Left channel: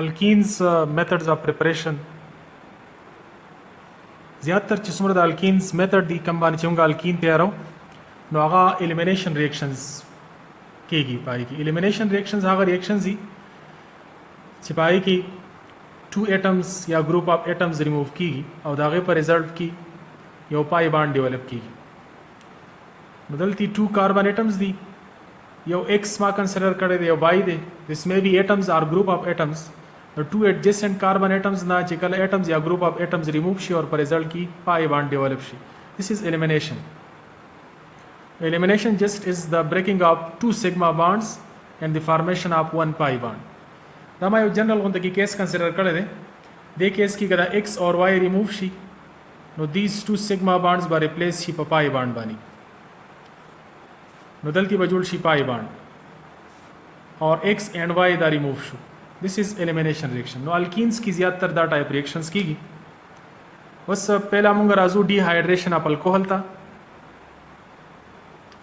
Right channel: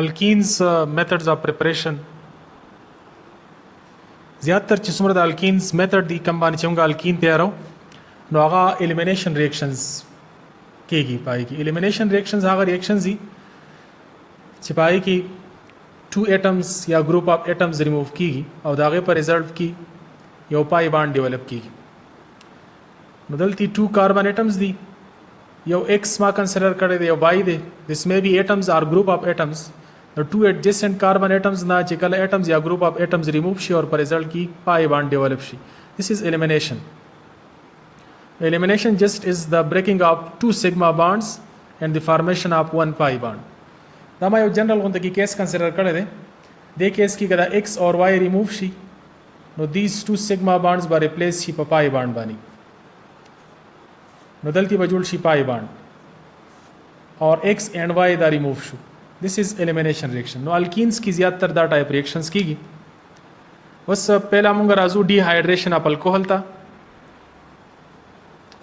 alkenes methods of preparation زیاتر چې څومره د الکینز میتھډ دی کوم باندې چې موږ الکین تیارو نو هغه الیمینیشن ریاکشنز کېږي پای کې الیمینیشن ریاکشنز هغه ریاکشنز دي چې پای کې 2 ایټمز یا ګروپ اف ایټمز ریموو کیږي او دا غي په ریزلټ کې یو پای باند ډیولپ کیږي بدلتی 2 کاربن ایټمز دي یو x ما کنسیډر کړی دی یو y دی this may be atoms or group of atoms the two adjacent carbon atoms na چې کله atoms یا group of atoms remove شي اور په result کې pi bond develop شي this is elimination just is the breaking of two sigma bonds and the formation of one pi bond دا ما یو جنرال غونډه کې کیس کنسیډر کړی دی د کیس کې کله x اور y remove شي نو these two sigma bonds به replace شي په pi bond باندې بدلتی بجول شي پای باند اور x and y دا ریموو شو this is elimination reaction نو الکینز کی زیاتر دا ټایپ ریاکشنز کیږي وس پہلا مونږ راځو ډی هایډریشن اف الکوهول ته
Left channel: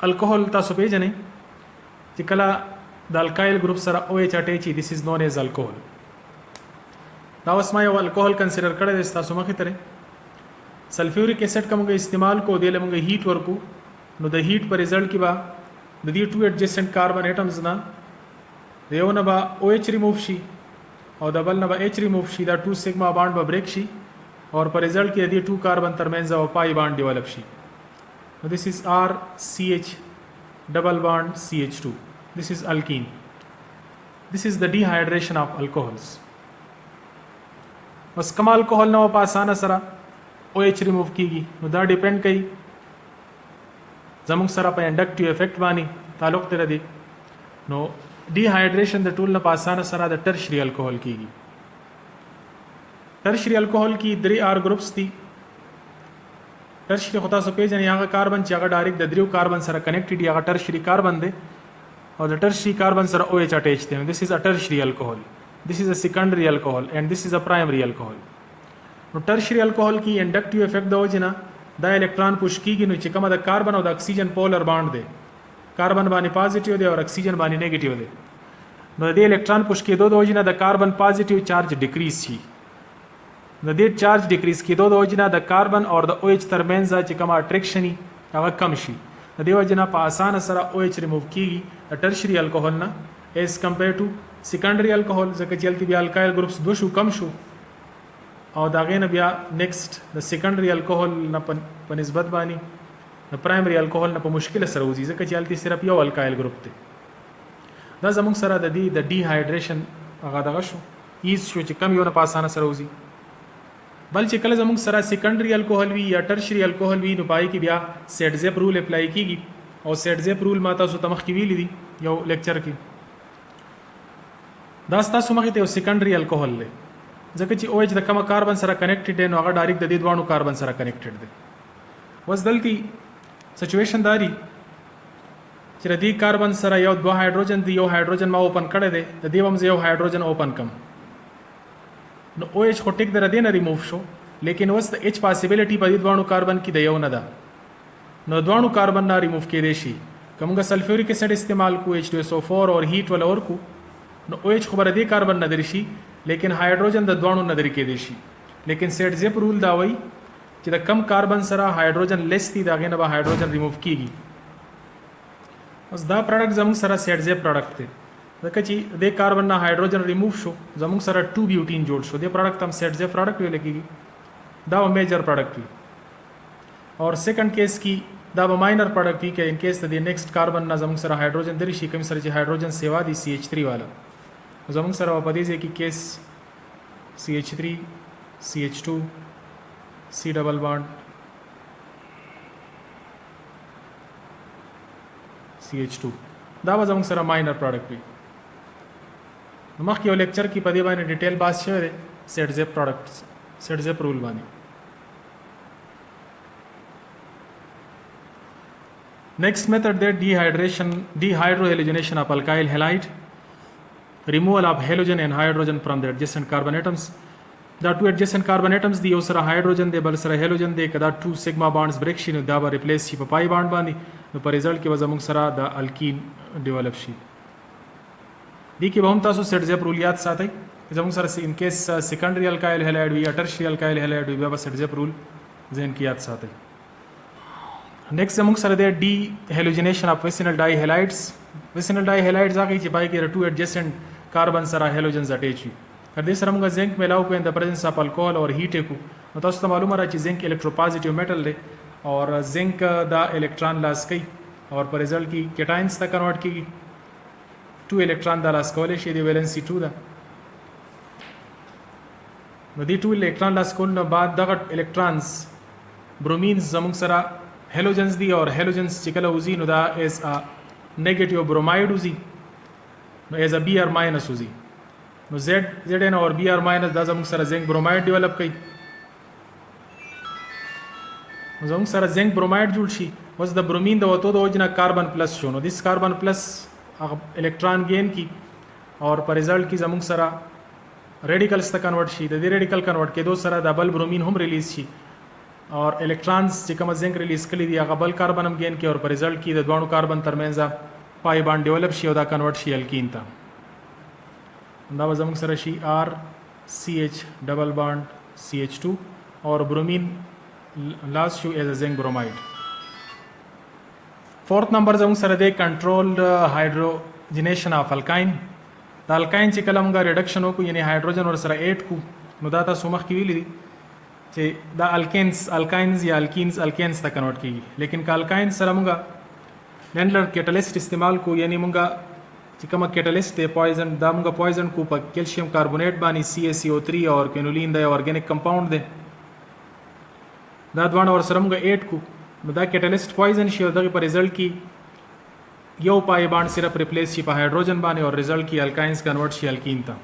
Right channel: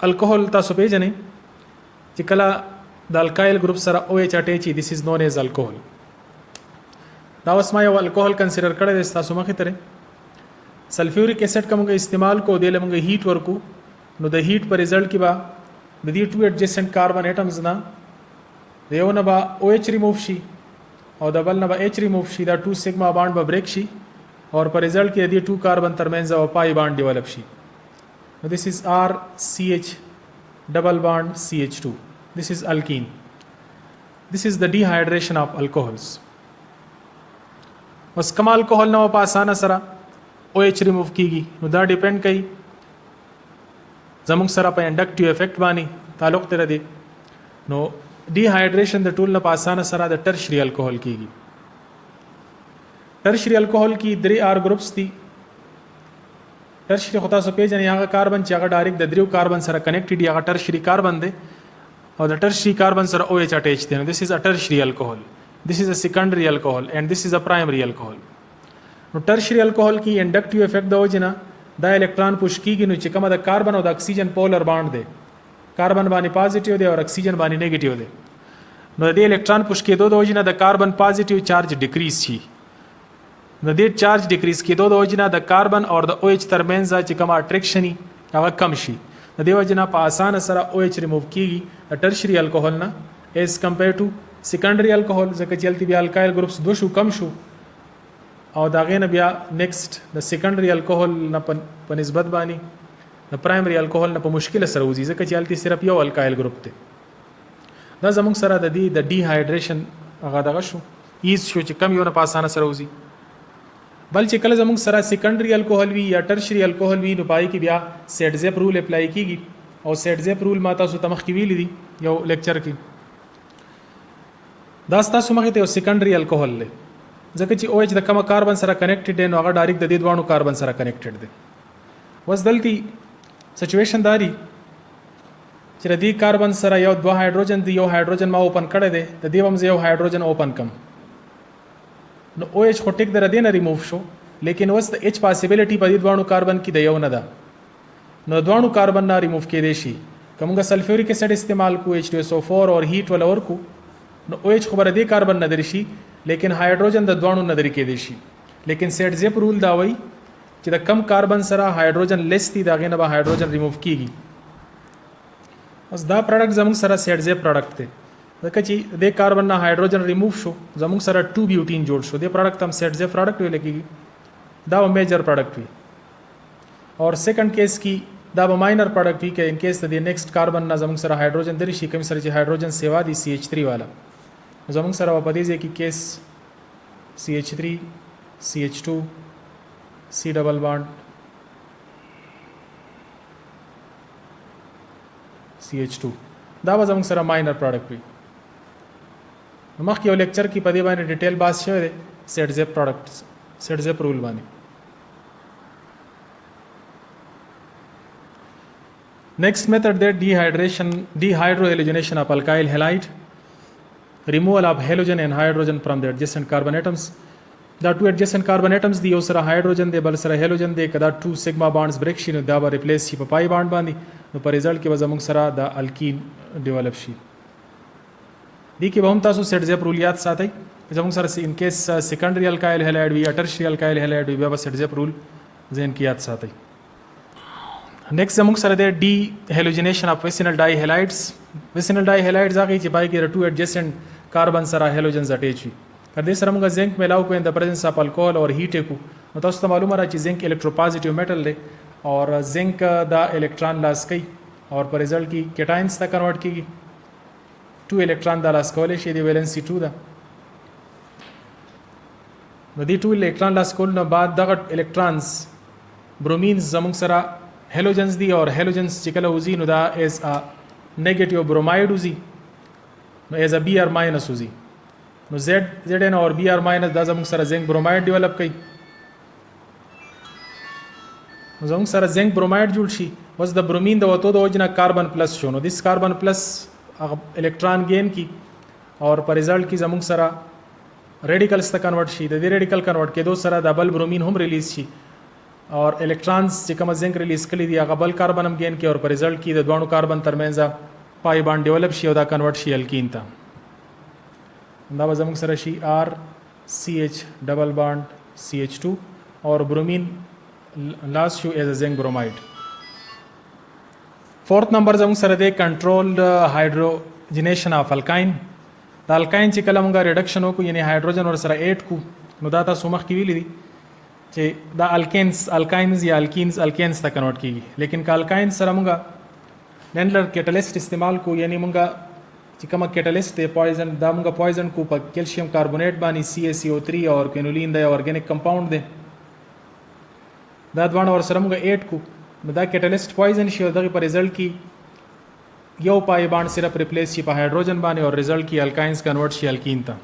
الکوهول تاسو پیژنئ چې کله د الکایل ګروپ سره OH اٹیچ this is known as alcohol دا اوس ما یو الکوهول کنسیډر کړی دی تاسو مخې ته سلفیوریک ایسډ کوم استعمال کو دی لمغه هیټ ورکو نو د هیټ پر ریزلټ کې با د دې 2 adjacent carbon atoms نه د یو نه به OH ریموو شي او د بل نه به H ریموو شي دا 2 سیګما باند به بریک شي اور په ریزلټ کې د دې 2 کاربن ترمنځ او پای باند ډیولپ شي نو this is RCH double bond CH2 this is alkene this is the dehydration of alcohols بس کما الکوهول نه په اسانه سره OH ریموو کیږي نو دا ډیپند کوي زموږ سره په انډکټیو افیکټ باندې تعلق تر دی نو ډی هایډریشن د ټول نه په اسانه سره د ټرشری الکوهول کیږي ټرشری الکوهول کې 3 آر ګروپس دي ټرشری خو تاسو پیژنئ هغه کاربن چې هغه ډایرکټ د دریو کاربن سره کنیکټډ هغه ټرشری کاربن دی او د ټرشری کاربن سره OH اٹیچ دی this is a tertiary alcohol this is a secondary alcohol and this is a primary alcohol نو ټرشری الکوهول کې انډکټیو افیکټ د وجنه دا الکترون پوش کیږي نو چې کومه د کاربن او د اکسیجن پولر باند دی کاربن باندې پازیټیو دی او اکسیجن باندې نیگیټیو دی نو د الکترون پوش کېدو د وجنه د کاربن پازیټیو چارج ډیکریز شي نو د چارج ډیکریز کېدو د وجنه د کاربن او د OH ترمنځ چې کومه اټریکشن هغه کم شي د دې وجنه په اسانه سره OH ریموو کیږي د ټرشری الکوهول نه ایز کمپیر ټو سیکنډری الکوهول ځکه چې التی بیا الکایل ګروپس دو شو کم شو او دا غینه بیا نیکسٹ د سیکنډری الکوهول نه په نسبت باندې د پرایمری الکوهول نه په مشکل سره وځي ځکه چې التی صرف یو الکایل ګروپ دی دا زموږ سره د دې د ډی هایډریشن هغه دغه شو ایز شو چې کم یو نه په اسانه سره وځي بل چې کله زموږ سره سیکنډری الکوهول وی یا ټرشری الکوهول وی نو پای کې بیا سیټ زیپ رول اپلای کیږي او سیټ زیپ رول ما تاسو ته مخکې ویل دي یو لیکچر کې دا تاسو مخې ته یو سیکنډری الکوهول دی ځکه چې OH د کومه کاربن سره کنیکټډ دی نو هغه ډایرکټ د دې دوه کاربن سره کنیکټډ دی وس دلته سچويشن داري چې د دې کاربن سره یو دوه هایدروجن دی یو هایدروجن ما اوپن کړی دی د دې هم یو هایدروجن اوپن کم نو OH خو ټیک در دې نه ریموو شو لیکن وس د H پاسیبিলিټي په دې دوه کاربن کې د یو نه ده نو دوه کاربن نه ریموو کېدې شي کومه سلفیوریک ایسډ استعمال کو H2SO4 اور هیټ ول اور کو نو OH خو بر دې کاربن نه درشي لیکن هایدروجن د دوانو نظر کې دي شي لیکن سیټ زیپ رول دا وایي چې د کم کاربن سره هایدروجن لیس دي دا غینه به هایدروجن ریموو کیږي اوس دا پروډکټ زموږ سره سیټ زیپ پروډکټ دی ځکه چې د کاربن نه هایدروجن ریموو شو زموږ سره 2 بیوټین جوړ شو د پروډکټ هم سیټ زیپ پروډکټ ویل کیږي دا میجر پروډکټ وي اور سیکنډ کیس کې دا به ماینر پروډکټ وي کې ان کیس د نیکسٹ کاربن نه زموږ سره هایدروجن درې شي کوم سره چې هایدروجن سیوا دي CH3 والا زموږ سره په دې ځای کې کیس CH3 CH2 C ډبل باند CH2 دا به زموږ سره ماینر پروډکټ وي مخکې یو لیکچر کې په دې باندې ډیټیل باس شوی دی سیټ زیپ پروډکټ سیټ زیپ رول باندې next method that dehydrohalogenation of alkyl halide removal of halogen and hydrogen from the adjacent carbon atoms دا 2 adjacent carbon atoms دی یو سره هایدروجن دی بل سره هالوجن دی کدا 2 سیګما بانډز بریک شي نو دا به ریپلیس شي په پای باند باندې نو په ریزلټ کې به زموږ سره د الکین ډیولپ شي دی کې به هم تاسو سیټ زیپ رول یاد ساتئ زموږ سره ان کیس سیکنډري الکایل هالایډ وي یا ټرشري الکایل هالایډ وي بیا به سټزیپ رول ذهن کې یاد ساتئ. نیکسٹ زموږ سره دی ډي هیلوجنیشن اف ویسینل ډای هالایډز. ویسینل ډای هالایډز هغه چې پای کې ټو ایڈجسنٹ کاربن سره هالوجنز اٹیچ وي. کله دې سره موږ زنک ملاو کوو ان د پرزنس اف الکوهول اور هیټ کو نو تاسو ته معلومه را چې زنک الکتروپوزټیو میټل دی اور زنک دا الکترون لاس کوي اور پر رزلټ کې کیټاینز ته کنورټ کیږي. 2 الکترون دا لاس کولای شي دی ویلنسي 2 ده. نو دې 2 الکترون لاس کول نه بعد دغه الکترونز برومینز زموږ سره هالوجنز دي اور هالوجنز چې کله وزي نو دا از ا نیگیټیو بروماید وزي نو از ا بی ار ماینس وزي نو زد ان اور بی ار ماینس دا زموږ سره زنک بروماید ډیولپ کوي. نو زموږ سره زنک بروماید جوړ شي. اوس د برومین د وته د وجنه کاربن پلس شو نو دیس کاربن پلس الکترون گین کی اور پر رزلټ کی زموږ سره ریډیکلز ته کنورټ شي. د دې ریډیکل کنورټ کېدو سره د بل برومین هم ریلیز شي اور الکترونز چې کوم زنک ریلیز کړي دي هغه بل کاربن هم گین کی اور پر رزلټ کی د دوه کاربن ترمنځ پای باند ډیولپ شي او دا کنورټ شي الکین ته. دا به زموږ سره شي آر سی ایچ ډبل باند سی ایچ 2 اور برومین لاس شو ایز ا زنک بروماید. فورث نمبر زموږ سره دی کنټرولډ هایدروجنیشن اف الکاین. د الکاین چې کله موږ ریډکشن وکړو یعنی هایدروجن ور سره ایډ کو نو دا تاسو مخکې ویلي دي چې دا الکاینز یا الکینز ته کنورټ کیږي. لیکن که الکاین سره موږ نینلر کیټالیست استعمال کو یعنی موږ چې کومه کیټالیست دی پویزن دا موږ پویزن کو په کیلشیم کاربونیټ باندې CaCO3 اور کینولین دی اورګانیک کمپاوند دی دا دوه ور سره موږ ایډ کو نو دا کیټالیست پویزن شي او دغه پر رزلټ کی یو پای باند صرف ریپلیس شي په هایدروجن باندې اور رزلټ کی الکاینز کنورټ شي الکین ته.